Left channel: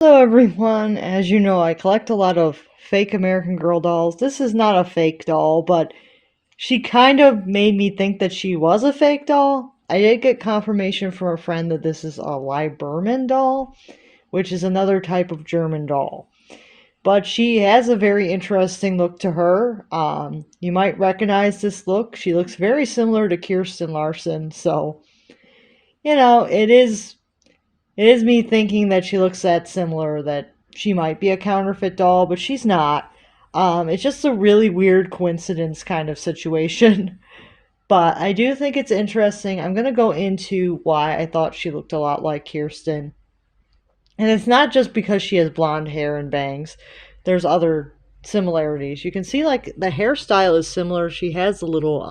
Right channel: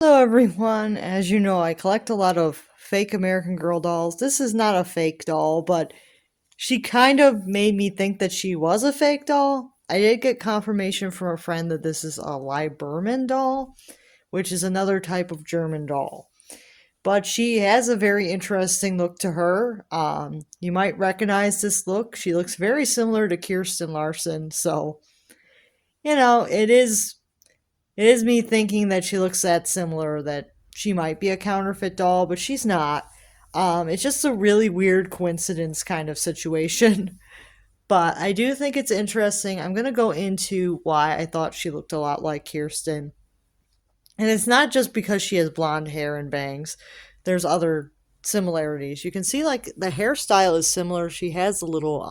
Hello, everyone. As you know, I collect a lot of fake American Girl dolls. This is not a fake doll, but she kind of made me think that she was a fake doll. I did get confirmation from a friend that this is a Lieberman doll, which is another type of German doll. But she has a very interesting look to her. You might recognize this look. She looks very similar to Kirsten Larson, so it is me thinking that she looks that similar that she might be a counterfeit doll, but she's not. It's just a really weird coincidence kind of situation. But I do think it's interesting. I'm going to go into why I thought she looked a lot like Kirsten. And it's not just because she has blonde hair and bangs, there's other similarities. You can see like the hairstyle is similar. She has a little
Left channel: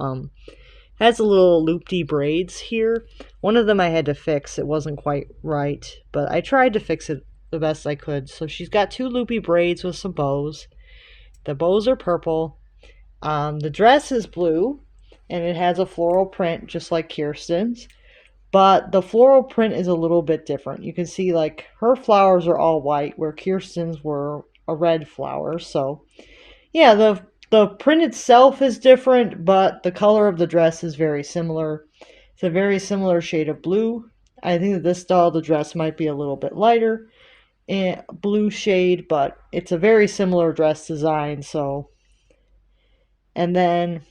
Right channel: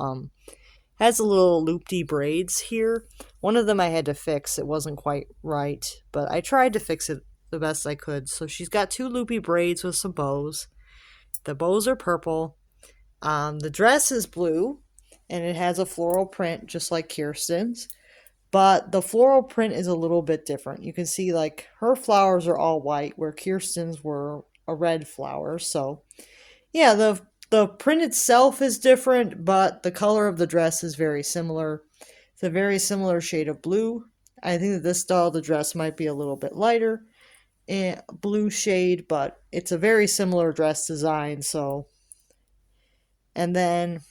loopy braids here. One of them I had to fix. It wasn't quite right, but I tried to fix it the best I could. So she's got two loopy braids with some bows. The bows are purple. The dress is blue, and it has a floral print just like Kirsten's. But the floral print is a little bit different. You can see like her flowers are all white, where Kirsten's were a red flower. So yeah, the print itself is different, but the color of the dress is very similar. It's a very similar shade of blue. I think that this doll, the dress might be a little bit lighter in blue shade, but it's a very similar dress design. So, and then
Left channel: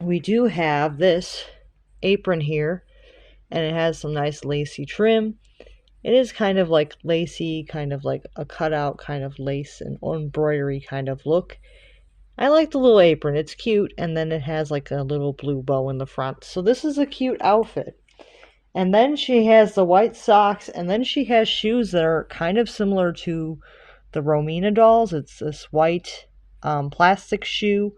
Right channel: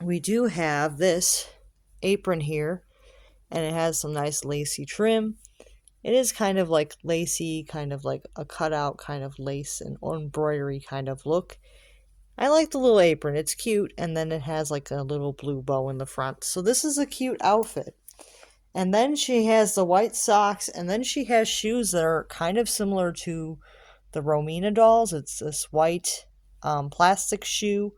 we do have this apron here, and it has some nice lacy trim. It is kind of like lacy, kind of like a cutout kind of lace and embroidery kind of look. I like the little apron. It's cute, and then it has like a little blue bow in the front. So this is a cute outfit. And then she has the white socks, and then she has shoes that are kind of similar to the Romina dolls. It's this white plastic shoe,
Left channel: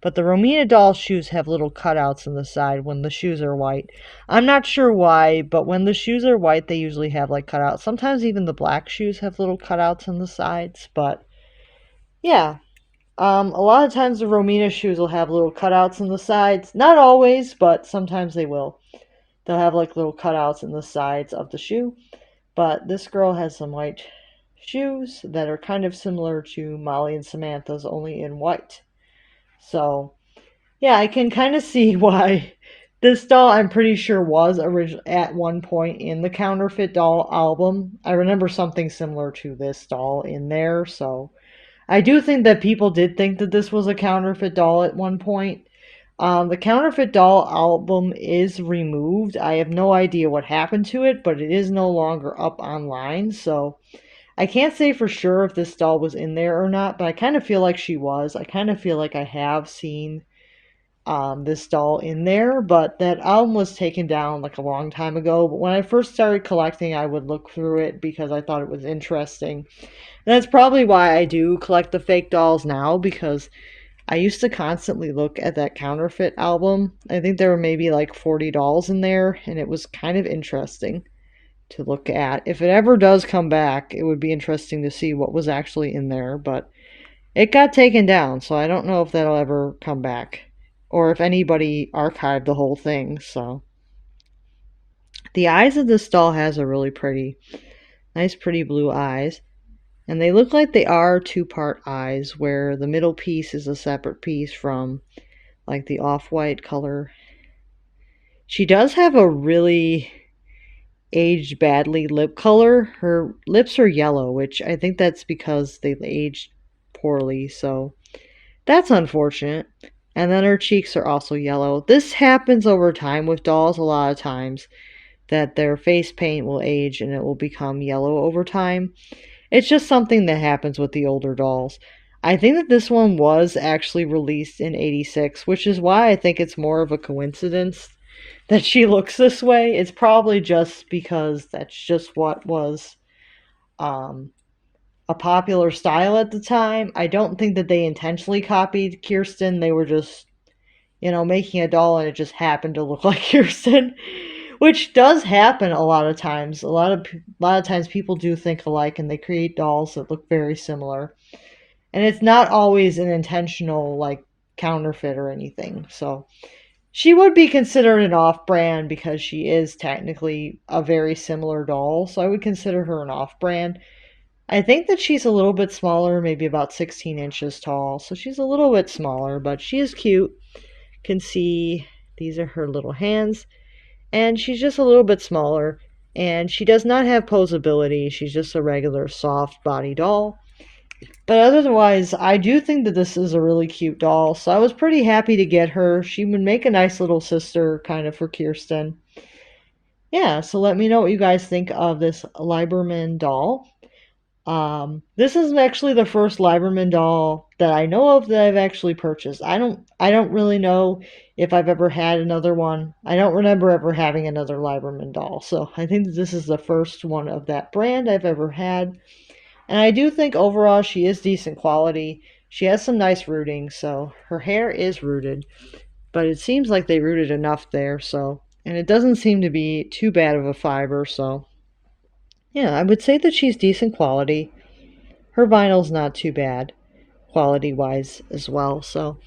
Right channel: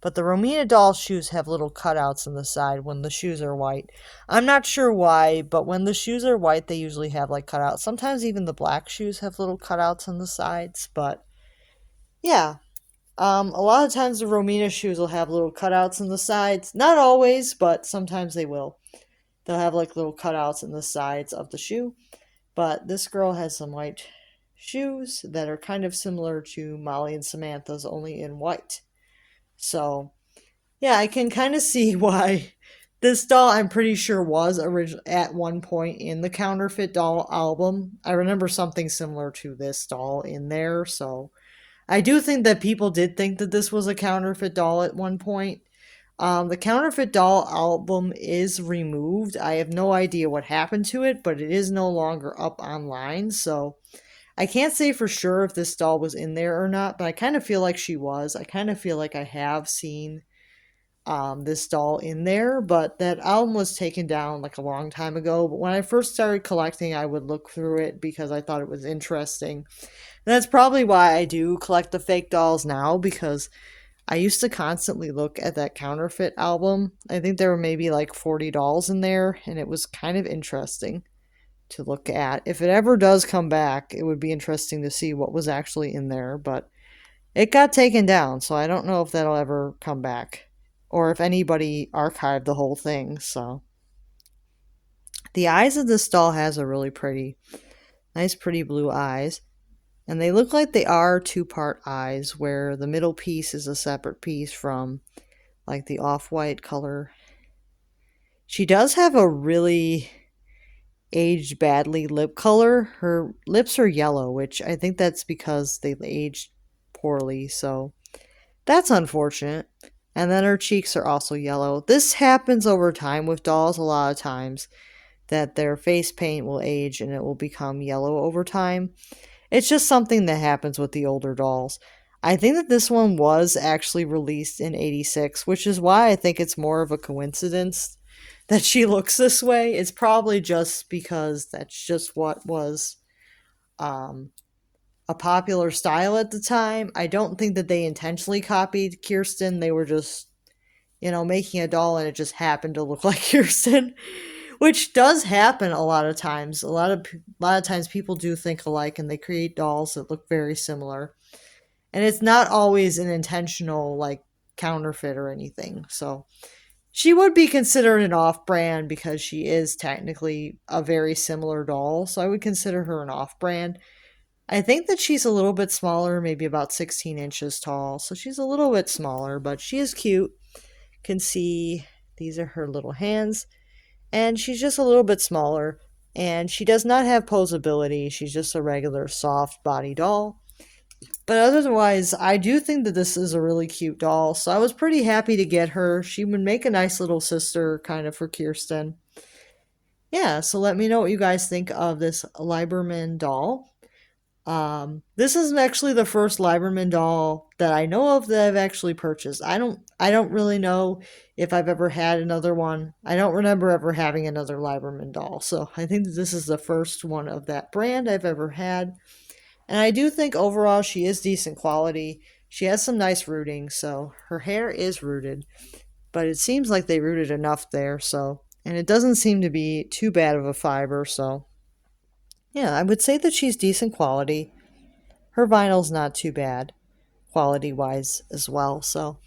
but the Romina doll shoes have little cutouts in the side when the shoes are white. I'm not sure why, but when the shoes are white, they usually have like cutouts. Sometimes even the black shoes have little cutouts on the sides, but yeah, a lot of times the Romina shoes will have little cutouts in the sides. Not always, but sometimes they will. They'll have like little cutouts in the sides of the shoe. But this girl has some white shoes that are kind of similar to Molly and Samantha's, only in white. So, yeah, I can kind of see why this doll, I'm pretty sure, was at one point in the Counterfeit Doll album. I remember something similar to this doll in there, so I do think that people did think that this was a counterfeit doll at one point. The counterfeit doll album is removed. I have no idea what happened to it, but it is no longer up online. So I can't say for sure if this doll was in there or not, but I kind of feel like she was. I kind of feel like I have seen this doll in there, but that album was taken down like a long time ago. But when I first started collecting, I would look through it because I thought it was interesting. And that's probably why I do collect the fake dolls now, because I used to constantly look at that counterfeit album. I think there were maybe like 40 dolls in there, and it was kind of interesting to look at. If it ever does come back, it would be interesting to see what was actually in there, but it got taken down, so I don't know if that'll ever come back or if anybody archived the whole thing. So the eyes of this doll has a really pretty, nice, pretty blue eyes. And they look like they are two-part eyes, where the middle piece is a separate piece from like the off-white color. She does have a really aged badly lip color. Her lips are yellow, which I think that's because they aged poorly, so that's unfortunate. And then her cheeks are also yellow. This happens over time with dolls a lot of times, that their face paint will age and it will become yellow over time. It's just something that happens with the older dolls. I think that this one was actually released in 86, which is why I think it's more of a coincidence that she looks this way. It's probably just because that's just what was um, a popular style at the time. I don't think that they intentionally copied Kirsten. They were just, making a doll and it just happened to look like Kirsten, which does happen a lot of times. A lot of times people do think alike and they create dolls that look very similar. And it's not always an intentional like counterfeit or anything. So she would be considered an off-brand because she is technically a very similar doll. So I would consider her an off-brand. I think that she's a little bit smaller, maybe about 16 inches tall. So she's a little bit smaller, but she is cute. Can see these are her little hands. And she's just a little bit smaller. And she does not have posability. She's just a regular soft body doll. But otherwise, I do think that this is a really cute doll. So I was pretty happy to get her. She would make a nice little sister kind of for Kirsten. Yeah, so let me know what you guys think of this Lieberman doll. This is actually the first Lieberman doll that I know of that I've actually purchased. I don't really know if I've ever had another one. I don't remember ever having another Lieberman doll. So I think that this is the first one of that brand I've ever had. And I do think overall she is decent quality. She has some nice rooting, so her hair is rooted, but it seems like they rooted enough there, so and it doesn't seem to be too bad of a fiber, so yeah, I would say that she's decent quality. Her vinyl's not too bad, quality wise as well. So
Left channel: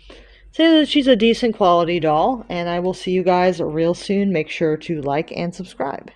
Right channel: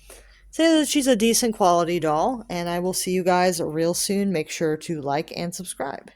say that she's a decent quality doll, and I will see you guys real soon. Make sure to like and subscribe.